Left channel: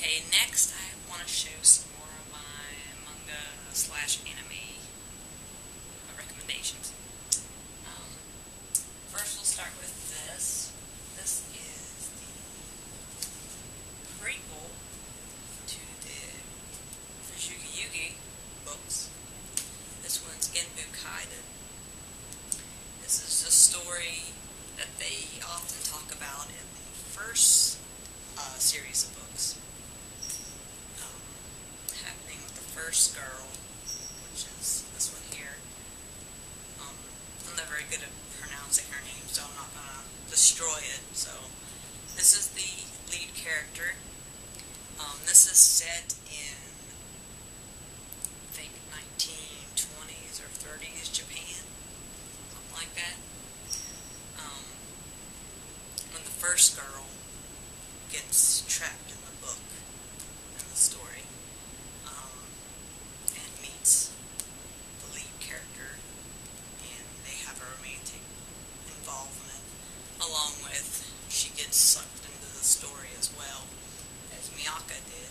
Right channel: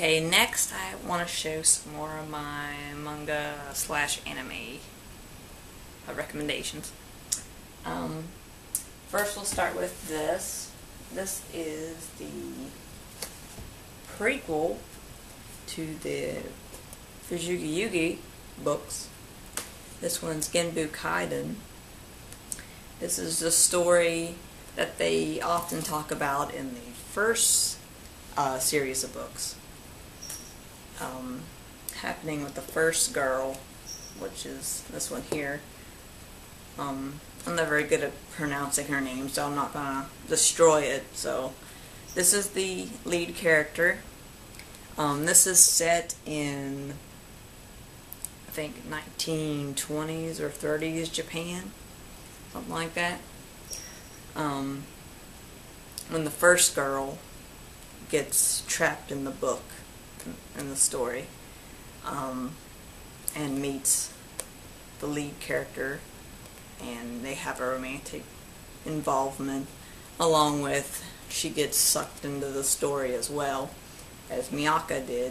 Okay, next I want to show some more of my manga slash anime recommendations. First we'll start with this. This is the prequel to the Fujugi Yugi books. This one's Genbukaiden. This is the story that they often talk about in the first series of books. Happening with the first girl, which is this one here. I'm not very good at pronouncing her name, so I'm not going to destroy it. So this is the lead character. This is set in, I think, 1920s or 30s Japan, something like that. When the first girl gets trapped in the book, in the story, and meets the lead character, and they have a romantic involvement, along with she gets sucked into the story as well, as Miyaka did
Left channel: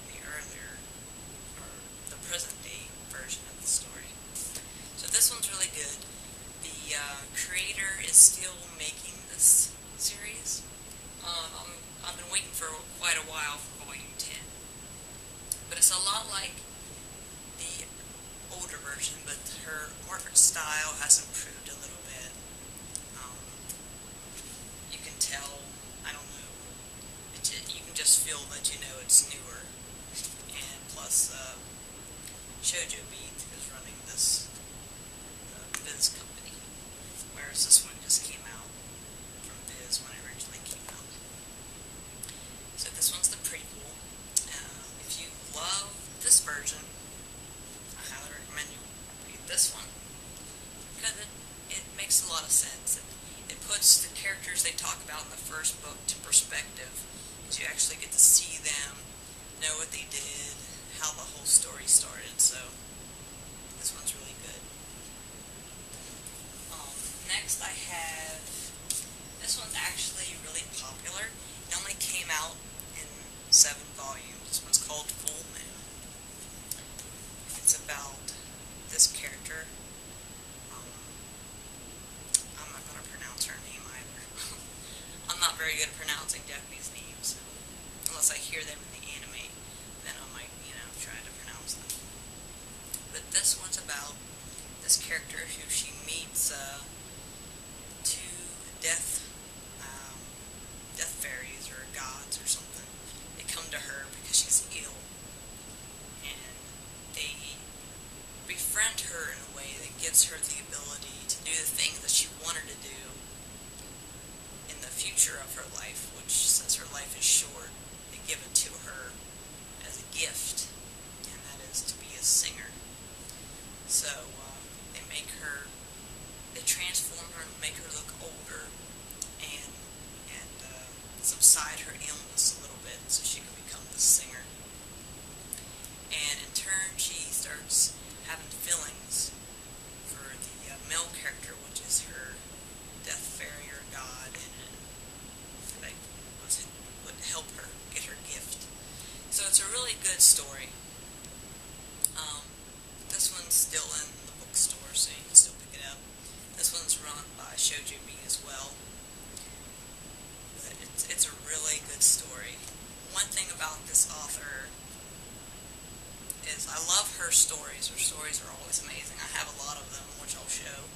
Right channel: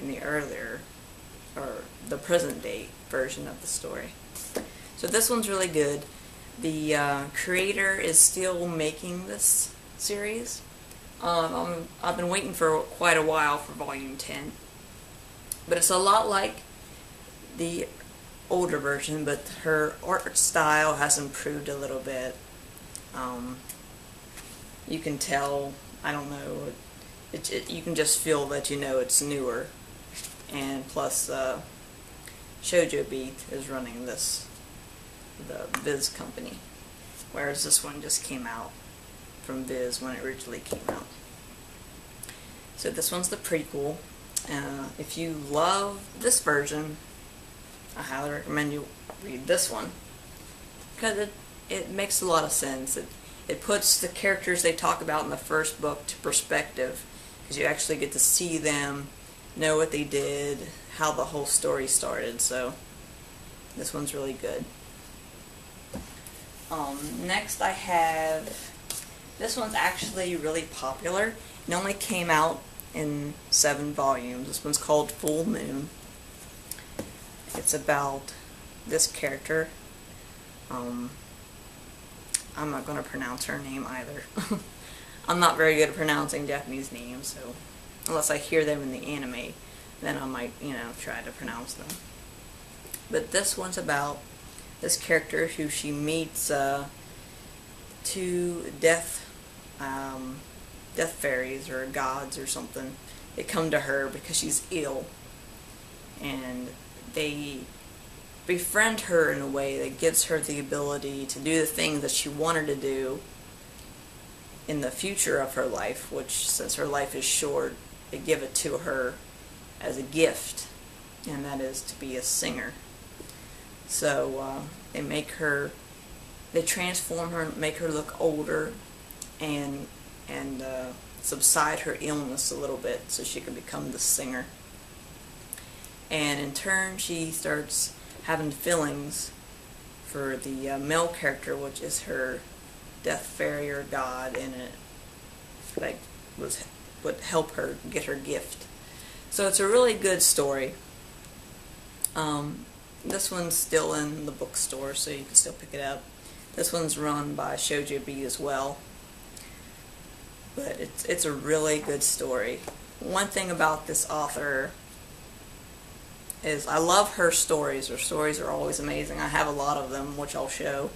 in the earlier, or the present day version of the story. So this one's really good. The creator is still making this series. I've been waiting for quite a while for volume 10, but it's a lot like the older version, but her art style has improved a little bit. You can tell, I don't know, you can just feel that it's newer, and plus Shoujo Beat is running the Viz company, whereas this one just came out from Viz when it originally came out. So this one's the prequel. If you love this version, I highly recommend you read this one, because it makes a lot of sense. It puts the characters they talk about in the first book to perspective, because you actually get to see them, know what they did, how the whole story started. So this one's really good. Next I have, this one's actually really popular. It only came out in 7 volumes. This one's called Full Moon. It's about this character. I'm not going to pronounce her name either. I'm not very good at pronouncing Japanese names, so unless I hear them in the anime, then I might, try to pronounce them. But this one's about this character who she meets 2 death fairies or gods or something. They come to her because she's ill, and they befriend her in a way that gives her the ability to do the things that she wanted to do in the future of her life, which, since her life is short, they give it to her as a gift, and that is to be a singer. So they transform her, make her look older, and subside her illness a little bit so she can become the singer. And in turn, she starts having feelings for the male character, which is her death fairy or god, and it would help her get her gift. So it's a really good story. This one's still in the bookstore, so you can still pick it up. This one's run by Shoujo Beat as well. But it's a really good story. One thing about this author is I love her stories. Her stories are always amazing. I have a lot of them, which I'll show.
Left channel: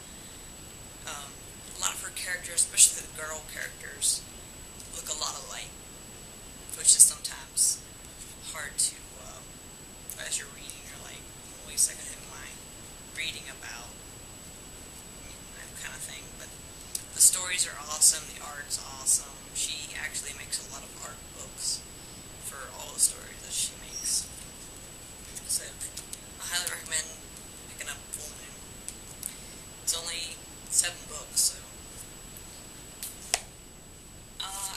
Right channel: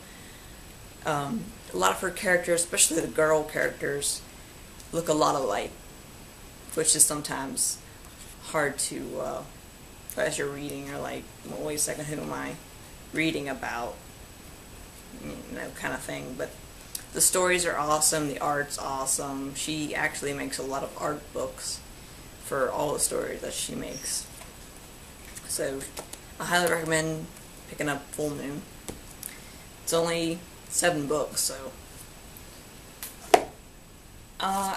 A lot of her characters, especially the girl characters, look a lot alike, which is sometimes hard to, as you're reading, you're like, well, wait a second, who am I reading about? Kind of thing. But the stories are awesome, the art's awesome. She actually makes a lot of art books for all the stories that she makes. So I highly recommend picking up Full Moon. It's only 7 books, so.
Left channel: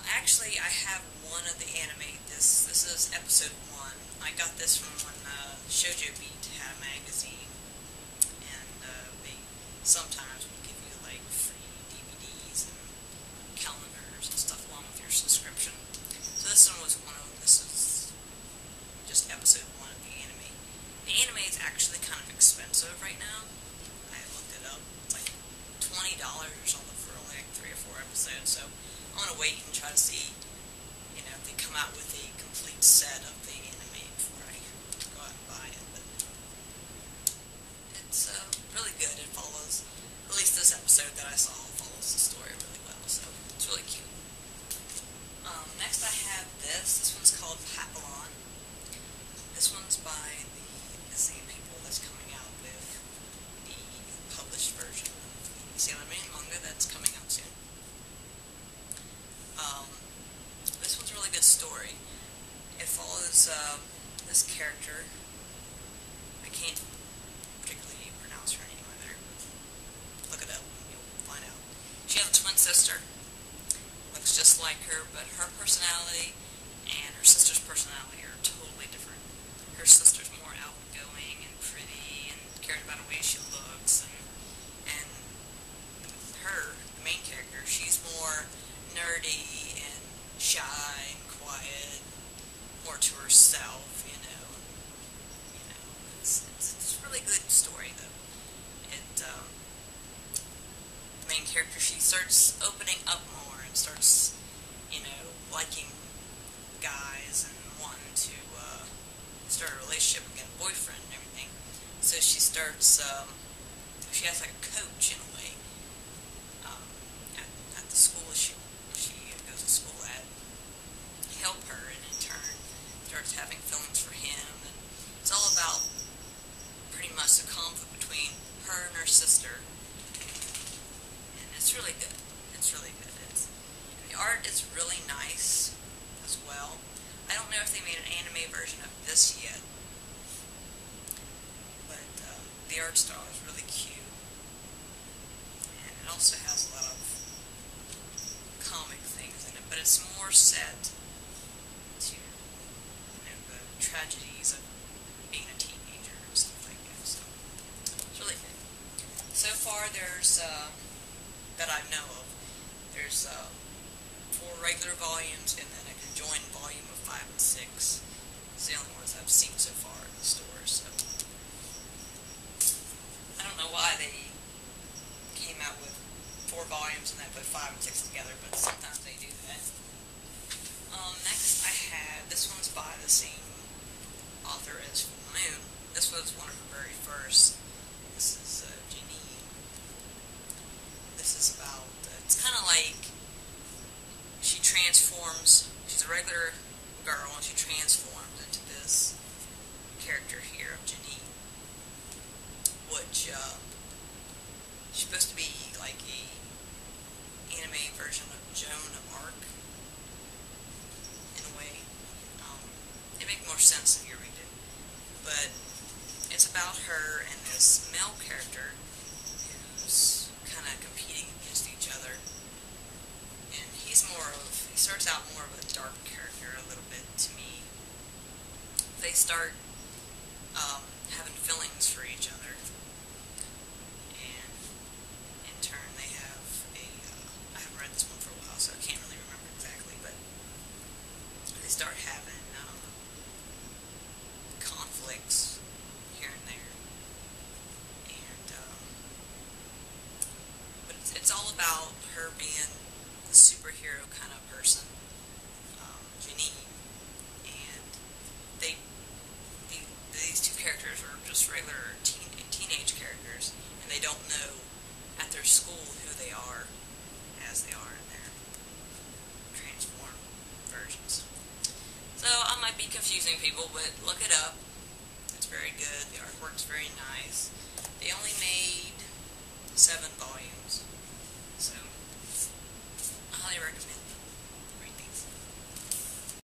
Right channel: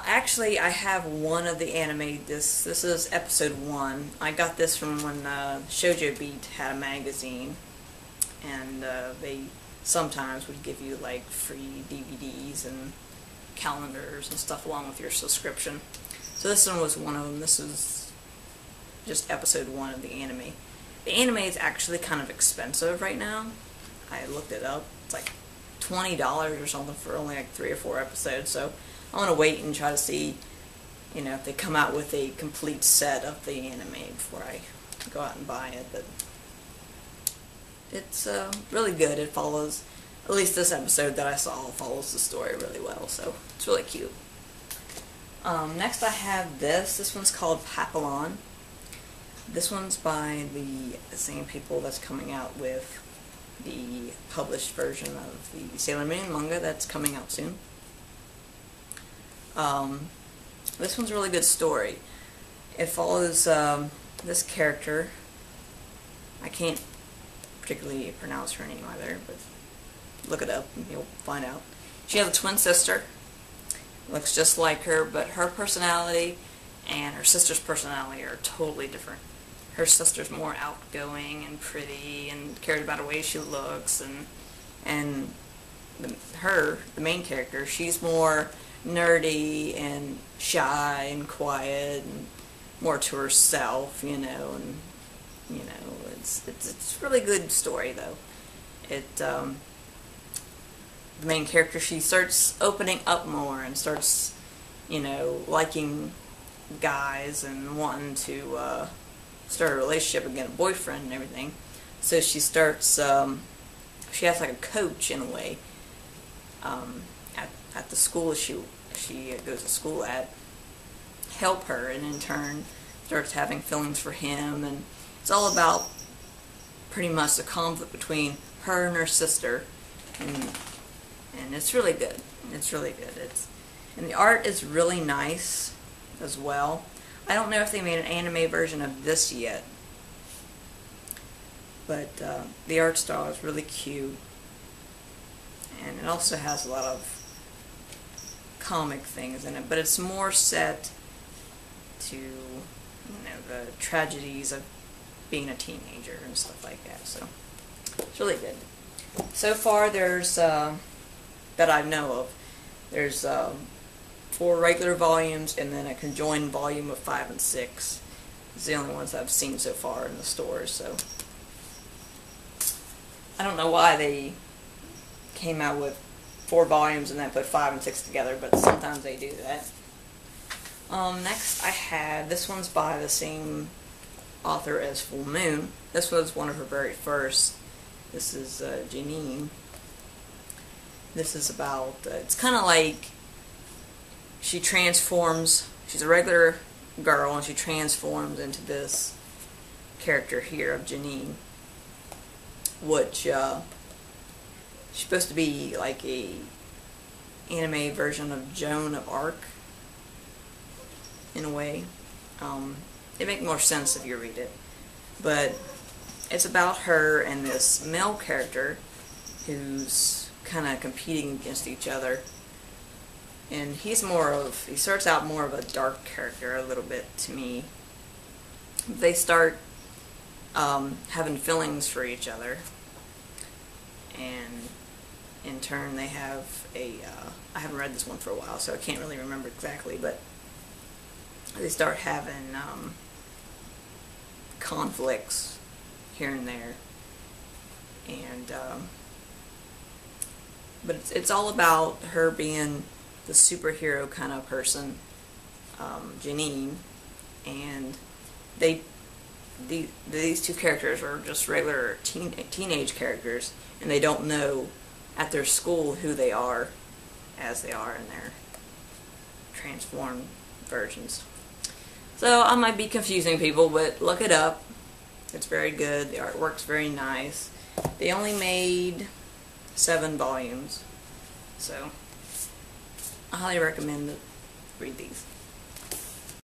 Actually, I have one of the anime. This is episode 1. I got this from when Shoujo Beat had a magazine, and they sometimes would give you free DVDs and calendars and stuff along with your subscription. So this one was one of them. This is just episode 1 of the anime. The anime is actually kind of expensive right now. I looked it up. It's like $20 or something for only like 3 or 4 episodes. So I'm gonna wait and try to see, you know, if they come out with a complete set of the anime before I go out and buy it. But it's really good. It follows, at least this episode that I saw, follows the story really well. So it's really cute. Next I have this. This one's called Papillon. This one's by the same people that's coming out with the published version of the Sailor Moon manga that's coming out soon. This one's a really good story. It follows this character. I can't particularly pronounce her name either, but look it up and you'll find out. She has a twin sister. Looks just like her, but her personality and her sister's personality are totally different. Her sister's more outgoing and pretty and cares about the way she looks, and the main character, she's more nerdy and shy and quiet and more to herself, you know, and you know, it's a really good story though. The main character, she starts opening up more and starts, you know, liking guys and wanting to start a relationship and get a boyfriend and everything. So she starts, she has like a coach in a way at the school she goes to school at, help her, and in turn starts having feelings for him, and it's all about pretty much the conflict between her and her sister, and it's really good. It's really good. And the art is really nice as well. I don't know if they made an anime version of this yet, but the art style is really cute, and it also has a lot of comic things in it, but it's more set to, you know, the tragedies of being a teenager and stuff like that. So it's really good. So far, there's that I know of, there's 4 regular volumes and then a conjoined volume of 5 and 6. It's the only ones I've seen so far in the stores. So I don't know why they came out with 4 volumes and then put 5 and 6 together, but sometimes they do that. Next I have, this one's by the same author as Full Moon. This was one of her very first. This is Janine. This is about, it's kind of like she transforms, she's a regular girl and she transforms into this character here of Janine, which she's supposed to be like a anime version of Joan of Arc in a way. It makes more sense if you read it, but it's about her and this male character who's kind of competing against each other, and he starts out more of a dark character a little bit to me. They start having feelings for each other, and in turn they have I haven't read this one for a while, so I can't really remember exactly, but they start having conflicts here and there, and but it's all about her being the superhero kind of person, Janine, and these 2 characters are just regular teenage characters, and they don't know at their school who they are as they are in their transformed versions. So I might be confusing people, but look it up. It's very good. The artwork's very nice. They only made 7 volumes, so I highly recommend to read these.